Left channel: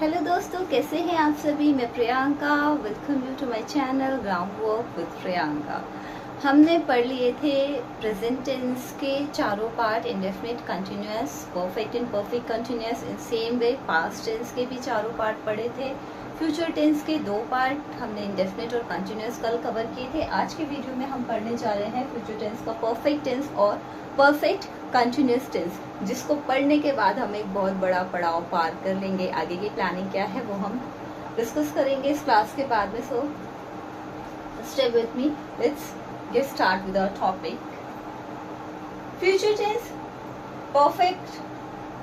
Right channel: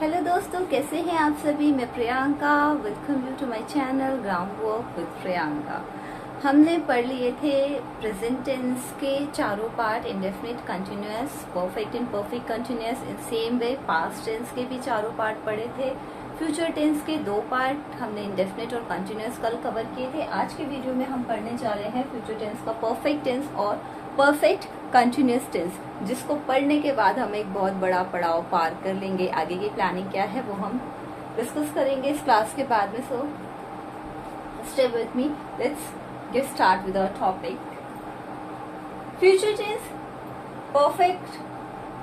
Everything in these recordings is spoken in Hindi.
हेलो दोस्तों, कैसे हैं आप सभी। मैं Priyanka, welcome you to my channel ground work with Priyanka. हमने पढ़ लिए थे प्रेजेंट टेंस के चारों part, indefinite, continuous, perfect and perfect continuous. In same way past tense के भी चारों पार्ट पढ़े थे। फ्यूचर टेंस के 2 पार्ट हमने इंडेफिनिट और कंटिन्यूअस कल कवर किए थे। आज के वीडियो में हम पढ़ने जा रहे हैं फ्यूचर टेंस का परफेक्ट टेंस और परफेक्ट कंटिन्यूअस टेंस, जिसको पढ़ने के बाद हम एक बहुत बड़ा पड़ाव पार कर लेंगे। आगे की प्लानिंग क्या है वो हम डिस्कस करेंगे इस क्लास के बाद में। So stay with me, let's get start with our topic. Future tense, perfect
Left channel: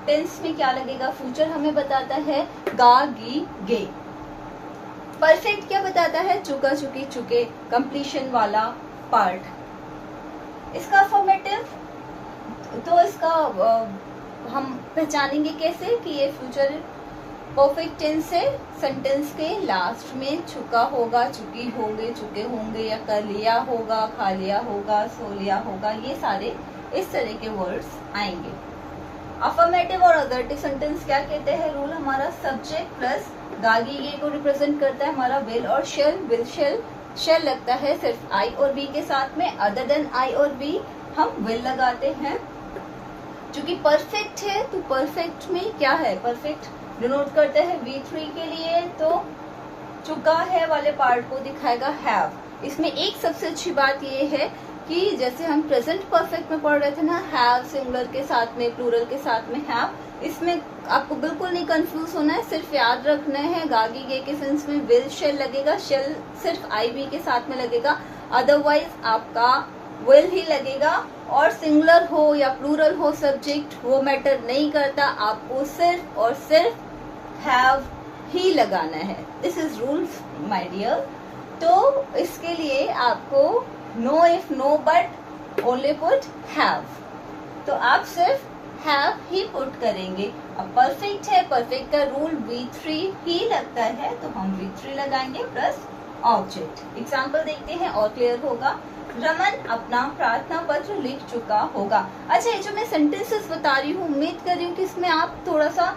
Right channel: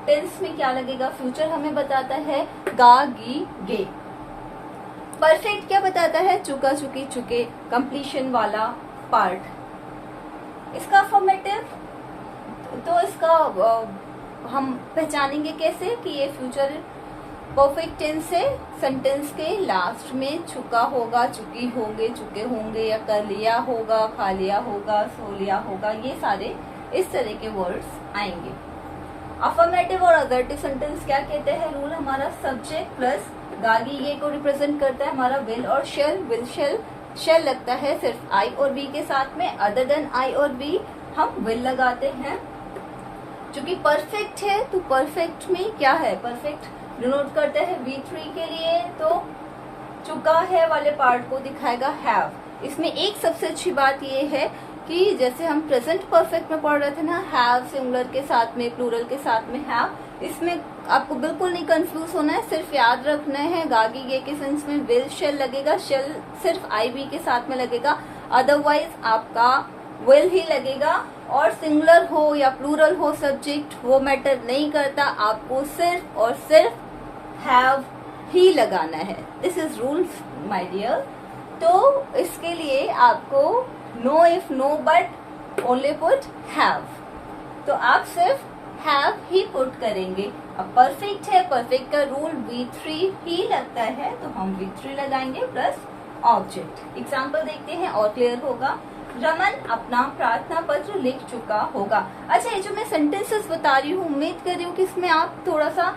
tense में क्या लगेगा। फ्यूचर हमें बताता है गा, गी, गे। परफेक्ट क्या बताता है, चुका, चुकी, चुके, कंप्लीशन वाला पार्ट। इसका अफर्मेटिव, तो इसका हम पहचानेंगे कैसे कि ये फ्यूचर परफेक्ट टेंस है। सेंटेंस के लास्ट में चुका होगा, चुकी होंगे, चुके होंगे, या कर लिया होगा, खा लिया होगा, सो लिया होगा, ये सारे इस तरह के वर्ड्स आएंगे। अफर्मेटिव और अगर्टिव सेंटेंस क्या कहते हैं, रूल हमारा सब्जेक्ट प्लस गागी गे को रिप्रेजेंट करता है हमारा विल और शेल। विल शेल लगता है सिर्फ आई और बी के साथ में, अदर देन आई और बी हम विल लगाते हैं। जो कि परफेक्ट है, तो परफेक्ट में क्या है, परफेक्ट डिनोट करते हैं V3 के लिए, तो चुका है वाले पार्ट को दिखाएगा हैव। इसमें एक सबसे अच्छी बात ये है कि जैसे हम प्रेजेंट परफेक्ट में पढ़ रहे थे ना, हैव सिंगुलर के साथ में, प्लूरल के साथ में हैव, इसमें आपको बिल्कुल नहीं कंफ्यूज होना है। सिर्फ याद रखना है गागी गे के सेंस में विल शेल लगेगा, शेल सिर्फ आई बी के साथ में लगेगा, अदरवाइज आपका विल ही लगेगा। और सिंगुलर हो या प्लूरल हो सब्जेक्ट, वो मैटर नहीं करता, आपको सिर्फ और सिर्फ हैव ही लगाना है। This is rule my dear. तो इसके लिए आपको no if no but only put have, तो आप सिर्फ हैव ही पुट करेंगे। अब परफेक्ट है, परफेक्ट का रूल V3 ही लगता है, तो हम V3 लगाएंगे प्लस ऑब्जेक्ट। एग्जाम्पल देखते हैं और क्लियर होगा। रमन अपना प्रार्थना पत्र लिख चुका होगा। अच्छा, ये जो मैं सेंटेंसेस बता रही हूँ, उम्मीद कर रही हूँ कि इसमें आप थोड़ा सा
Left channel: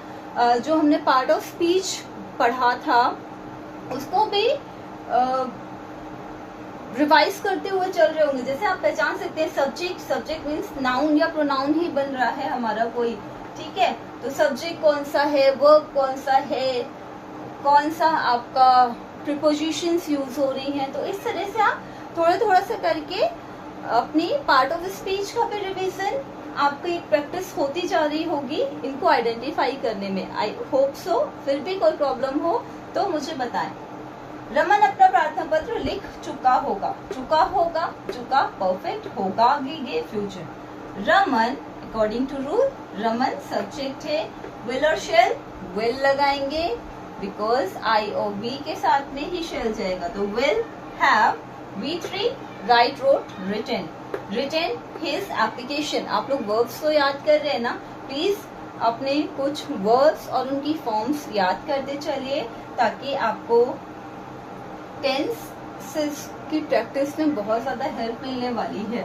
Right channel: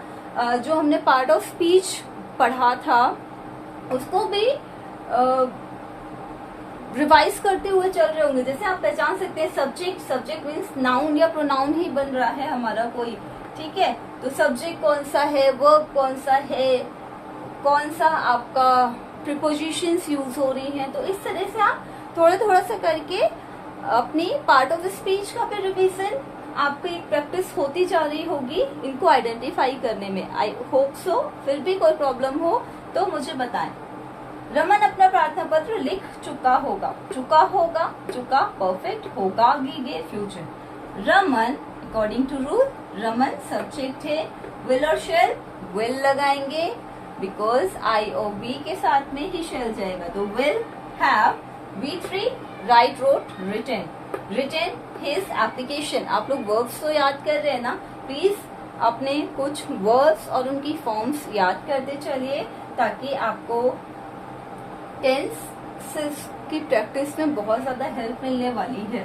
जो हमने पार्ट ऑफ स्पीच पढ़ा था उसको भी रिवाइज करते हुए चल रहे होंगे। जैसे आप पहचान सकते हैं सब्जेक्ट, सब्जेक्ट मीन्स नाउन या प्रोनाउन ही बन रहा है हमारा कोई, ठीक है। तो सब्जेक्ट कौन सा है, वर्ब कौन सा है, कौन सा आपका प्रीपोजिशंस यूज हो रही हैं। तो इस तरह से आप थोड़ा सा करके अपनी पार्ट ऑफ स्पीच का भी रिवीजन आपकी प्रैक्टिस होती जा रही होगी इनको आइडेंटिफाई करने में। I hope so. फिर भी कोई प्रॉब्लम हो तो मुझे बताएं। रमन अपना प्रार्थना पत्र लिख चुका होगा। चुका होगा, चुका परफेक्ट, होगा गे future. Raman according to rule, Raman subject है, विल और शेल विल लगाएंगे बिकॉज आई और बी के साथ में ही शेल जाएगा, तो will have V3 right, wrote, written. Written his application. आप लोग वर्ब्स को याद कर रहे हैं ना, प्लीज अपने कुछ वर्ब्स और उनकी फॉर्म्स याद करते चलिए ताकि आपको टेंस की प्रैक्टिस में बहुत ज्यादा हेल्प मिलने वाली है।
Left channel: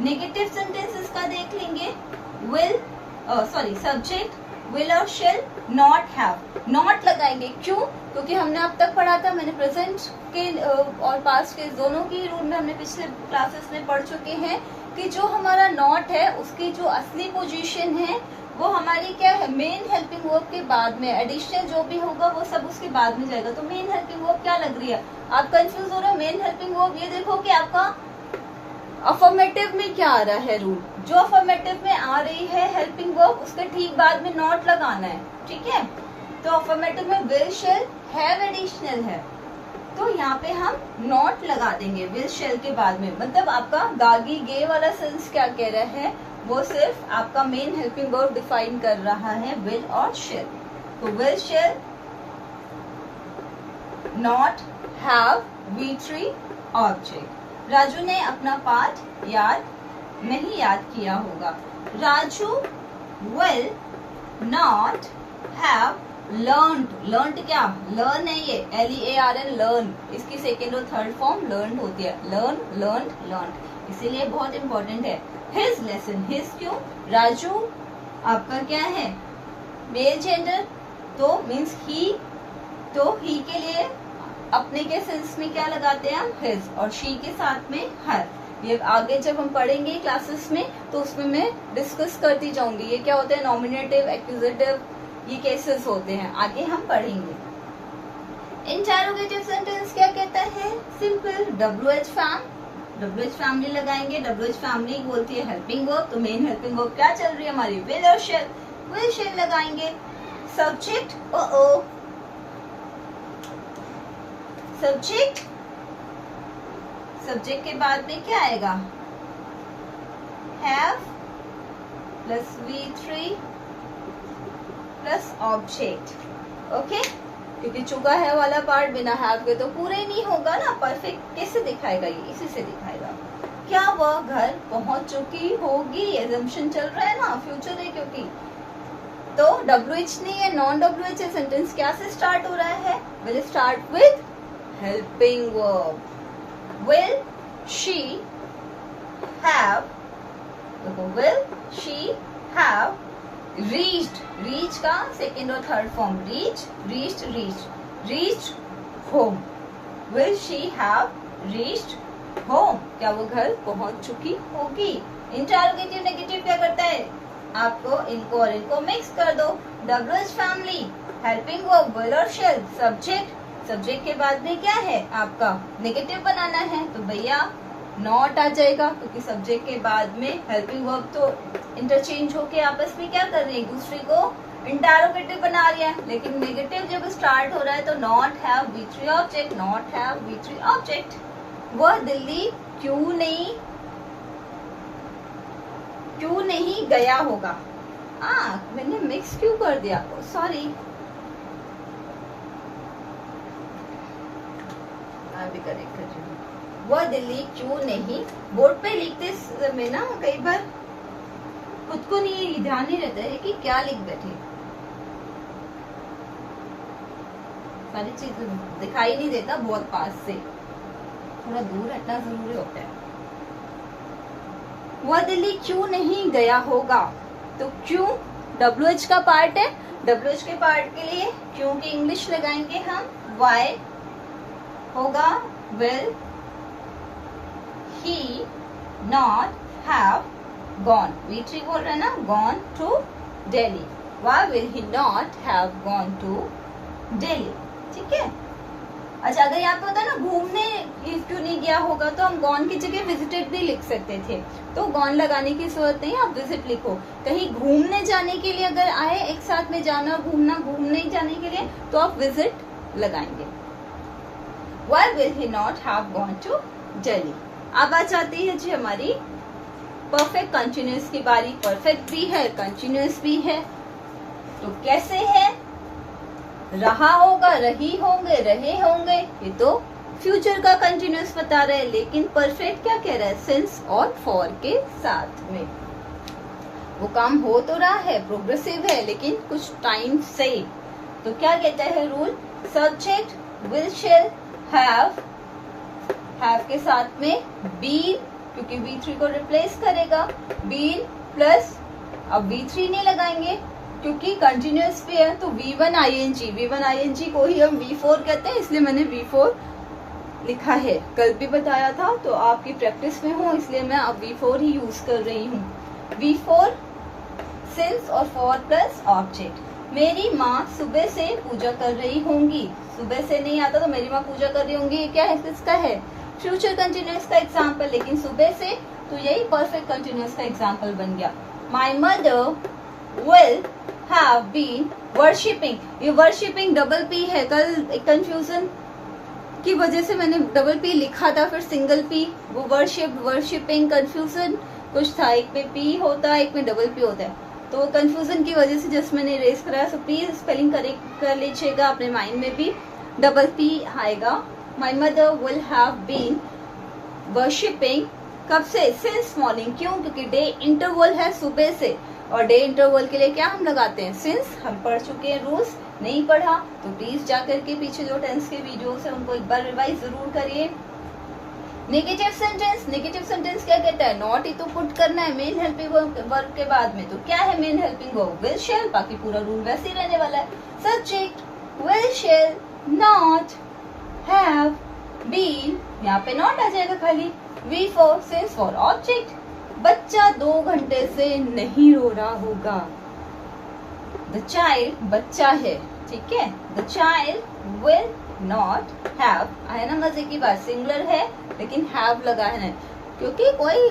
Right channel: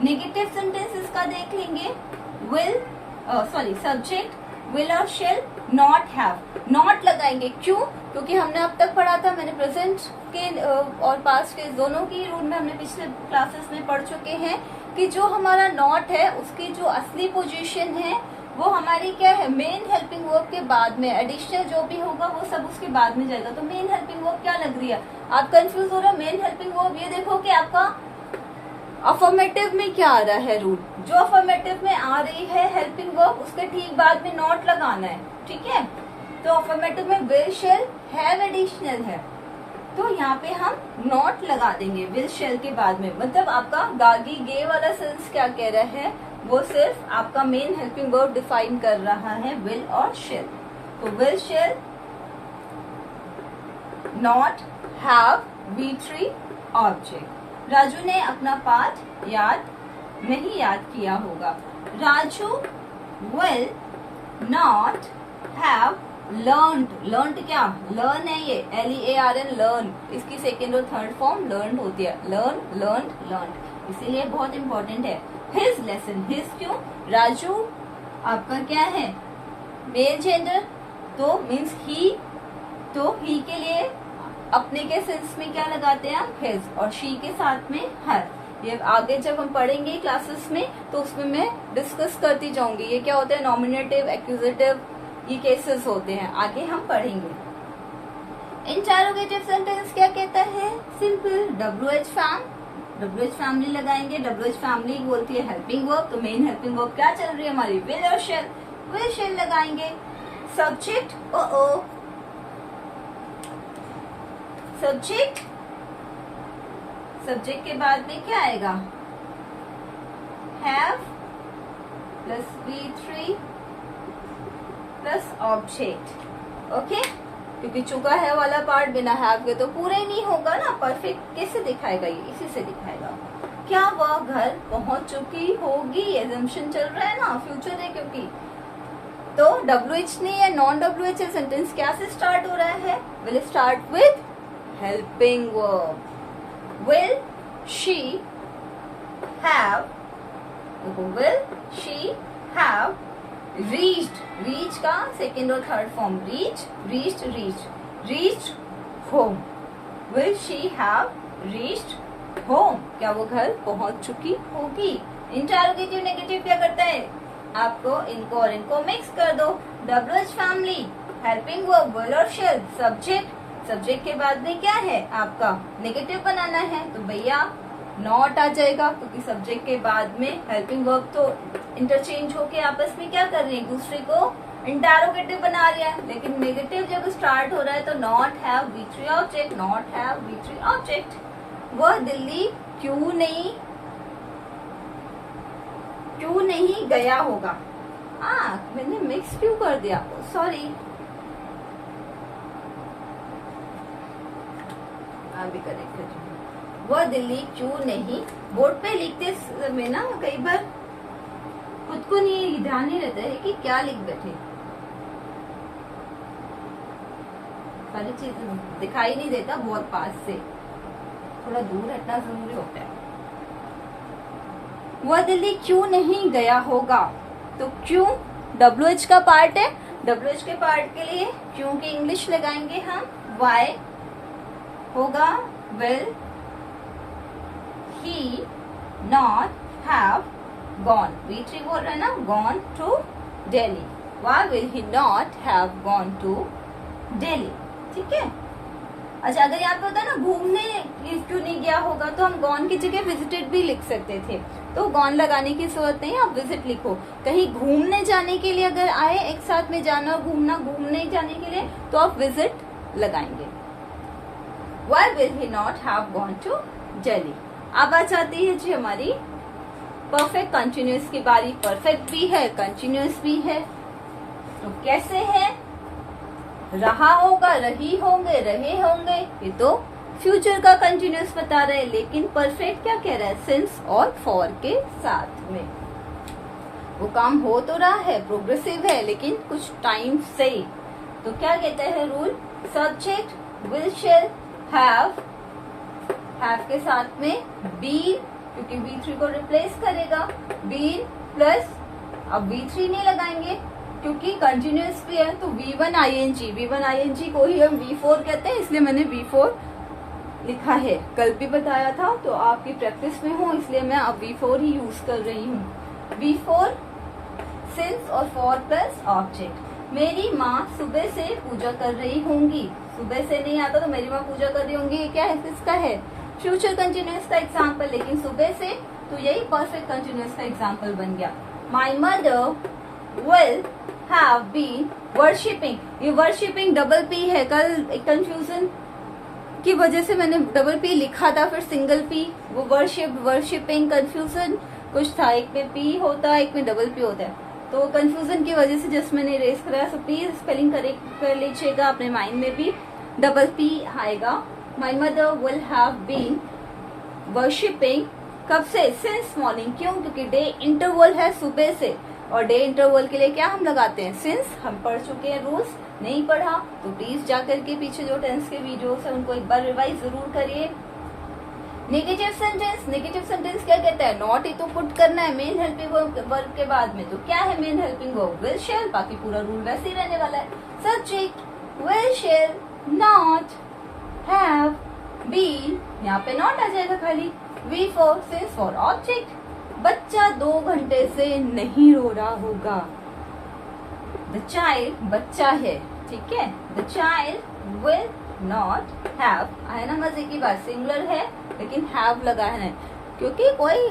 नेगेटिव सेंटेंसेस का देख लेंगे। विल सब्जेक्ट विल और शेल नॉट हैव। नॉट लगाएंगे, क्यों? क्योंकि हमने अब तक पढ़ा था, मैंने प्रेजेंट के और पास्ट के दोनों की रूल में हमने पिछले क्लासेस में पढ़ चुके हैं कि जो हमारा नॉट है उसकी जो असली पोजीशन है वो हमारी क्या है, मेन हेल्पिंग वर्ब के बाद में। एडिशनल जो भी होगा वो सब उसके बाद में जाएगा। तो मेन हेल्पिंग वर्ब क्या लग रही है, आप कंफ्यूज हो रहे हैं। मेन हेल्पिंग वर्ब ये देखो कि आपका अफर्मेटिव में क्या आ रहा है रूल, जो अफर्मेटिव में आ रही है हेल्पिंग वर्ब उसके ठीक बाद में नॉट लगाना है, ठीक है। तो अफर्मेटिव में विल शेल हैव एडिशनल है, तो यहाँ पे हम नॉट लगा देंगे विल शेल के बाद में। मतलब आपका गागी गे वाला सेंस क्या कह रहा है, वो सिर्फ आपका मेन हेल्पिंग वर्ब डिफाइन कर रहा है, विल और शेल। तो will shall not have V3 object. Raju ने अपना पाठ नहीं याद किया होगा। Raju will not have learned क्या, लर्न है ये, LEARN, लर्न। इसकी सेकेंड और थर्ड फॉर्म लर्न होती है, लर्न, इसीलिए बहुत इंपॉर्टेंट है। हिज लेसन, हिज क्यों, राजू आपका क्या है, मेल जेंडर, तो मीन्स ही, तो ही के लिए अपने के सेंस में क्या लगाते हैं हम, हिज, और शी के साथ में हर। ये आगे जब हम पढ़ेंगे क्लासेस में तो उसमें मैं डिस्कस करती जाऊंगी ये क्या होते हैं, नॉमिनेटिव, एक्यूजेटिव, ये केसेस होते हैं, आगे हम पढ़ेंगे। इंटेरोगेटिव सेंटेंस क्या कहता है, simple, WH fam, WH family लगाएंगे। WH फैमिली बोलती है हेल्पिंग वर्ब, तो मेन हेल्पिंग वर्ब क्या चल रही है हमारी, विल और शेल, विल शेल लगाएंगे। सब्जेक्ट, सब्जेक्ट, सब्जेक्ट के बाद में क्या आएगा, have plus V3 plus object. Okay, क्योंकि चुका है वाला पार्ट बिना हैव के तो पूरे नहीं होगा ना, परफेक्ट कैसे दिखाएगा, ये इसी से दिखाएगा। क्या वह घर पहुंच चुकी होगी, एजम्पशन चल रहा है ना, फ्यूचर है क्योंकि, तो WH नहीं है, नॉन WH है, सेंटेंस क्या से स्टार्ट हो रहा है, will start with helping verb. Will she have, will she have reached, reach का सेकेंड और third form, reached home, will she have reached home, क्या वो घर पहुंच चुकी होगी। इंटरोगेटिव नेगेटिव क्या करता है, आपको इनको और इनको मिक्स कर दो। WH family, helping verb will और shall, सब्जेक्ट, सब्जेक्ट के बाद में क्या है आपका, नेगेटिव बनाना है तो भैया नॉट आ जाएगा, क्योंकि सब्जेक्ट के बाद में हेल्पिंग वर्ब तो इंटरचेंज होके आपस में क्या कर रही है, दूसरे को इंटरोगेटिव बना रही है। लेकिन नेगेटिव जब स्टार्ट हो रहा है तो not have V3 object, not have V3 object. वह दिल्ली क्यों नहीं गया होगा, मैंने मिक्स क्यों कर दिया, सॉरी, भी करेक्ट है। वह दिल्ली क्यों नहीं, बोर्ड पे लिखते समय ना कई बार खुद को नहीं ध्यान नहीं रहता है कि क्या लिख बैठे, सारी चीजें दिखाई नहीं देता बहुत पास से, थोड़ा दूर हटना जरूरी होता है। वह दिल्ली क्यों नहीं गया होगा, तो क्यों WH का पार्ट है, WH के पार्ट के लिए क्यों की इंग्लिश लगाएंगे हम, why होगा, will he not have gone, V3 बोल रहा है ना, gone to Delhi, why will he not have gone to Delhi, ठीक है। अच्छा, अगर यहाँ पे होता ना घूमने क्यों नहीं गया होगा तो हम gone की जगह visited भी लिख सकते थे, तो gone लगाने की जरूरत नहीं, आप visit लिखो। कहीं घूमने जाने के लिए अगर आए, एक साथ में जाना घूमना, घूमने जाने के लिए तो आप visit लगाएंगे। Why will he not have gone to Delhi? अब आ जाती है जी हमारी परफेक्ट कंटिन्यूअस की बारी। परफेक्ट भी है, कंटिन्यूअस भी है, तो कैसे है, रहा होगा, रही होंगे, रहे होंगे, ये तो फ्यूचर का कंटिन्यूअस बता रहे हैं। लेकिन परफेक्ट क्या कह रहा है, सिंस और फॉर के साथ में वो काम हो तो रहा है, प्रोग्रेसिव है, लेकिन कुछ टाइम से। तो क्या कहता है rule, subject will shall have के साथ में बीन, क्योंकि V3 को रिप्लेस करेगा, बीन प्लस, अब V3 नहीं लगाएंगे क्योंकि कंटिन्यूअस भी है, तो V1 ing को ही हम V4 कहते हैं, इसलिए मैंने V4 लिखा है। कल भी बताया था, तो आपकी प्रैक्टिस में हो इसलिए मैं अब V4 ही यूज कर रही हूँ। V4 सिंस और फॉर प्लस ऑब्जेक्ट। मेरी माँ सुबह से पूजा कर रही होंगी, सुबह से नहीं आता तो मेरी माँ पूजा कर रही होंगी, ये क्या है, किसका है, फ्यूचर कंटिन्यूअस का एग्जाम्पल, लेकिन सुबह से तो यही परफेक्ट कंटिन्यूअस का एग्जाम्पल बन गया। My mother will have been worshipping, ये वर्शिपिंग डबल पी है, कल कंफ्यूजन की वजह से मैंने डबल पी लिखा था, फिर सिंगल पी, वो वर्शिपिंग कंफ्यूजन कुछ था, एक में पी होता है, एक में डबल पी होता है, तो कंफ्यूजन की वजह से जस्ट मैंने इरेज कराया। सो प्लीज स्पेलिंग करेक्ट कर लीजिएगा, अपने माइंड में भी डबल पी आएगा। My mother will have been worshipping, कब से, सिंस मॉर्निंग, क्यों, क्योंकि डे इंटरवल है सुबह से, और डे इंटरवल के लिए क्या हम लगाते हैं, सिंस। हम पढ़ चुके हैं रूल्स, नहीं पढ़ा तो प्लीज जाकर के पीछे जो टेंस के वीडियोस है उनको एक बार रिवाइज जरूर करिए। नेगेटिव सेंटेंस क्या कहता है, नॉट ही तो पुट करना है मेन हेल्पिंग वर्ब के बाद में, तो क्या है main helping verb, will shall, बाकी पूरा रूल वैसे ही रहने वाला है। Subject will shall not have been, यहाँ पे नॉट आ जाएगा खाली, V four since for object. बच्चा 2 घंटे से नहीं रो रहा होगा, द चाइल्ड बच्चा है, ठीक है, the child will not have, है ना मजे की बात, सिंगुलर है लेकिन हैव लगा है, क्योंकि कोई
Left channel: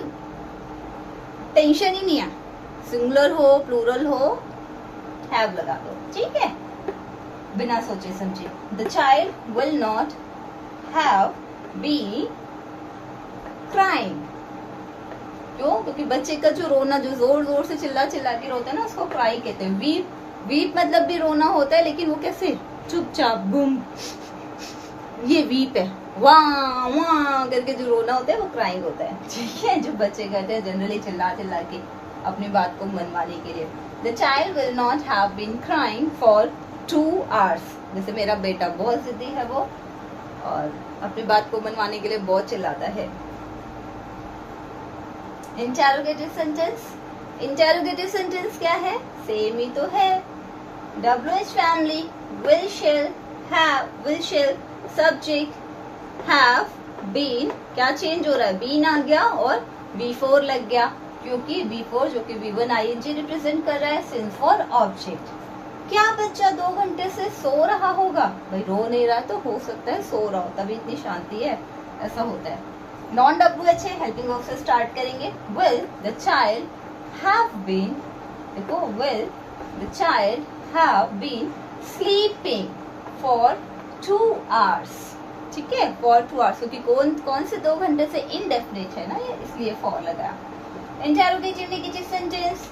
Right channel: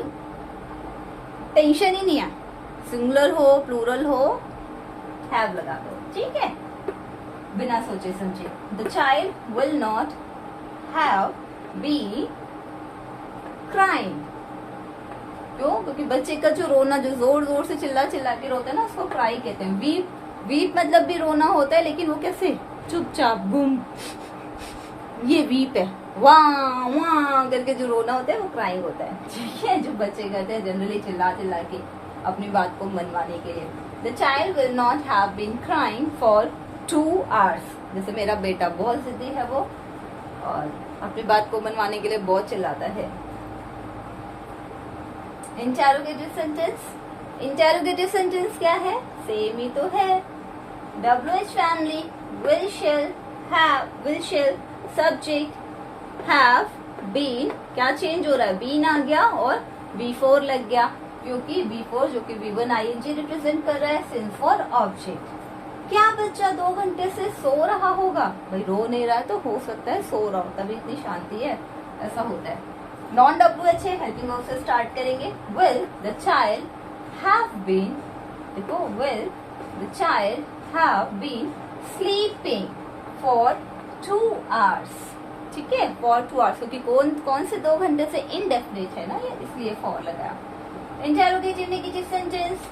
टेंशन ही नहीं है, सिंगुलर हो प्लूरल हो हैव लगा दो, ठीक है, बिना सोचे समझे। The child will not have be crying, क्यों, क्योंकि बच्चे का जो रोना, जो जोर जोर से चिल्ला चिल्ला के रोता है ना, उसको क्राई कहते हैं। वीप मतलब भी रोना होता है, लेकिन वो कैसे, चुपचाप गुम, ये वीप है, वाह वाह करके जो रोना होता है वो क्राइंग होता है, ठीक है, जो बच्चे करते हैं जनरली चिल्ला चिल्ला के अपनी बात को मनवाने के लिए। The child will not have been crying for 2 hours, जैसे मेरा बेटा बहुत जिद्दी है वो, और अपनी बात को मनवाने के लिए बहुत चिल्लाता है। इंटेरोगेटिव सेंटेंस क्या है, सेम ही तो है, WH family, will shall, have, will shall, subject have been, क्या चेंज हो रहा है, बीन आ गया और V4 लग गया, क्योंकि V4 जो कि V1 ING रिप्रेजेंट कर रहा है, सिंस फॉर ऑब्जेक्ट। क्या बच्चा 2 घंटे से सो रहा होगा, भाई रो नहीं रहा है तो हो सकता है सो रहा हो, तभी इतनी शांति है, ऐसा होता है। नॉन WH है, हेल्पिंग वर्ब से स्टार्ट करेंगे, will the child have been, देखो will the child have been sleeping for 2 hours, ठीक है, फॉर 2 hours, क्योंकि कौन से 2 घंटे से इनडेफिनिट है ना ये, इसलिए फॉर लगाया। Interrogative negative sentence,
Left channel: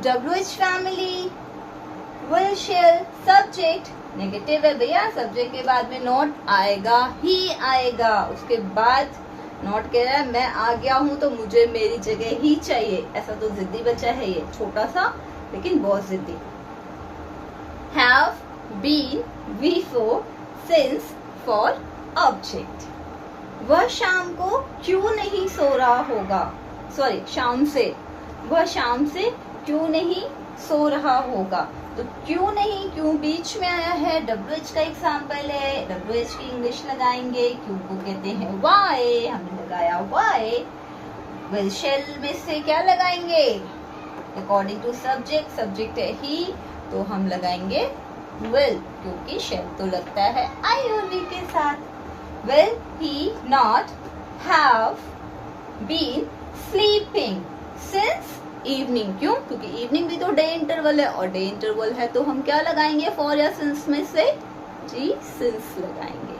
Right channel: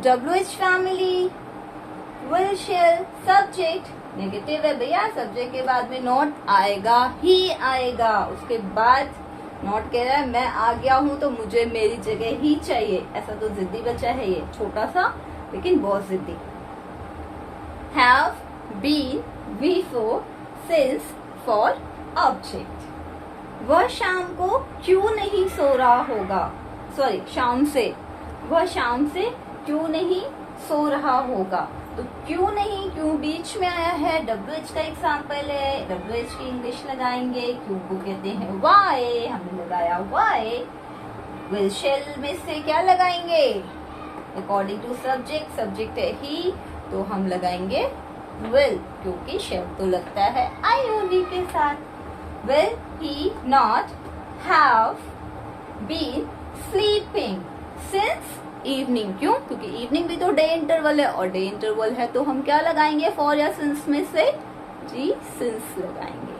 WH family, will shall, subject negative है भैया, सब्जेक्ट के बाद में नॉट आएगा ही आएगा, उसके बाद नॉट कह रहा है मैं आ गया हूं तो मुझे मेरी जगह ही चाहिए, ऐसा तो जिद्दी बच्चा है ये, छोटा सा लेकिन बहुत जिद्दी। Have been V4 since for object, वह शाम को क्यों नहीं सो रहा होगा, सॉरी शाम से, वह शाम से क्यों नहीं सो रहा होगा, तो क्यों नहीं, क्यों बीच में आया है, WH का एग्जाम्पल है, WH की इंग्लिश लगाएंगे, क्यों को कहते हैं वाई, हमने लगाया वाई। विल शेल में से क्या लगाएंगे, अकॉर्डिंग टू सब्जेक्ट, सब्जेक्ट है ही तो हम लगाएंगे विल, क्योंकि शेल तो लगता है IOV के साथ। Will he not have been sleeping since evening, क्यों, क्योंकि इवनिंग भी तो डे इंटरवल है, और डे इंटरवल है तो हम क्या लगाएंगे, फॉर या सिंस में से, जी सिंस लगाएंगे,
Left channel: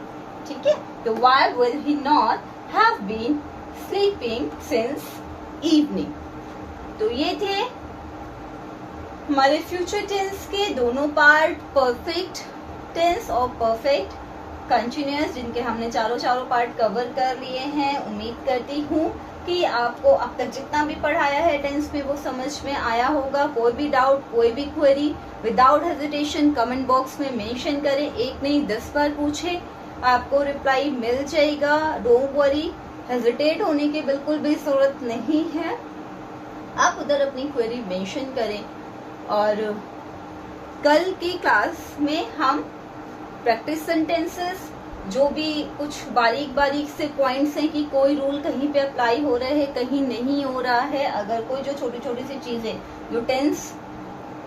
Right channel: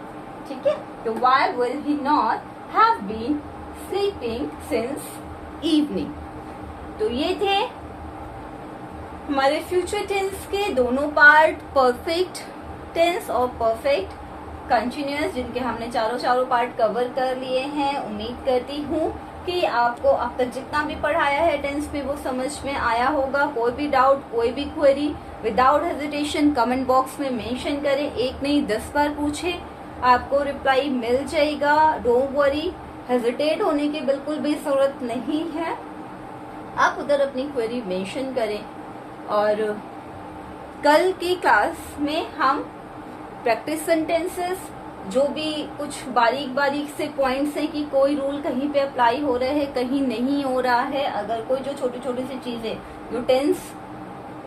ठीक है। तो why will he not have been sleeping since evening. तो ये थे हमारे फ्यूचर टेंस के दोनों पार्ट, परफेक्ट टेंस और परफेक्ट कंटिन्यूअस, जिनके हमने चारों पार्ट कवर कर लिए हैं। उम्मीद करती हूँ कि आपको अब तक जितना भी पढ़ाया है टेंस में वो समझ में आया होगा। कोई भी डाउट, कोई भी query, without hesitation comment box में मेंशन करें, एक नहीं 10 बार पूछे, आपको रिप्लाई मिल जाएगा। डोंट वरी, हेजिटेट होने की बिल्कुल भी जरूरत नहीं है, आप उधर अपनी क्वेरी मेंशन करें। और कल की क्लास में हम प्रैक्टिस सेंटेंसेस, जो भी कुछ बारीक बारीक से पॉइंट्स हैं कि कोई रूल कहीं पे अप्लाई हो रहा है, कहीं नहीं हो रहा है, अगर कोई जो छोटी छोटी सी चीजें जो टेंस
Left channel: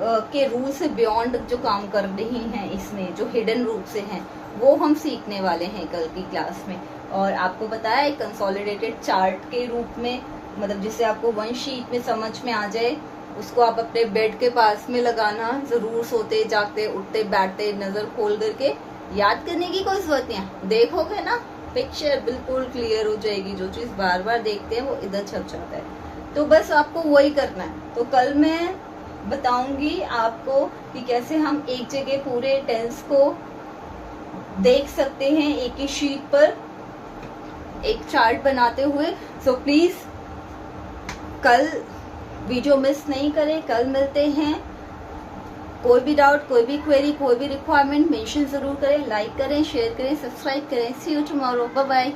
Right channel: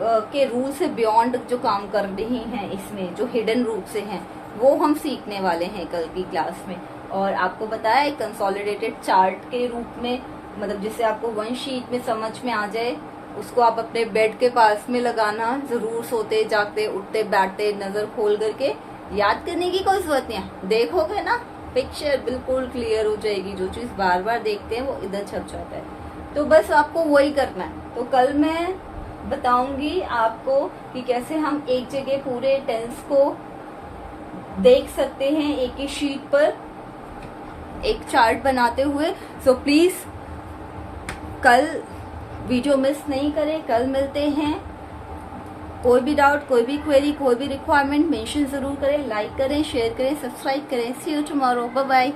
के रूल से बियॉन्ड जो काम कर रही हैं, इसमें जो हिडन रूप से हैं, वो हम सीखने वाले हैं कल की क्लास में। और आपको बताया कंसोलिडेटेड चार्ट के रूप में, मतलब जिससे आपको वन शीट में समझ में आ जाए, उसको आप अपने बेड के पास में लगाना जरूर, सोते जागते उठते बैठते नजर खोल करके, याद करने की कोई जरूरत नहीं, देखोगे ना पिक्चर बिल्कुल क्लियर हो जाएगी। जो चीज बार बार देखते हैं वो इधर छप जाता है, तो बस आपको वही करना है। तो कल मैं बताऊंगी आपको कि कैसे हम एक जगह पूरे टेंस को देख सकते हैं, एक ही शीट पर एक चार्ट बनाते हुए। सो प्लीज कल वीडियो मिस नहीं करें, कल मिलते हैं। कोई भी डाउट, कोई भी क्वेरी, कोई भी रिक्वायरमेंट मेंशन जरूर करें, लाइक करें, शेयर करें, सब्सक्राइब करें। सी यू टुमारो, बाय बाय।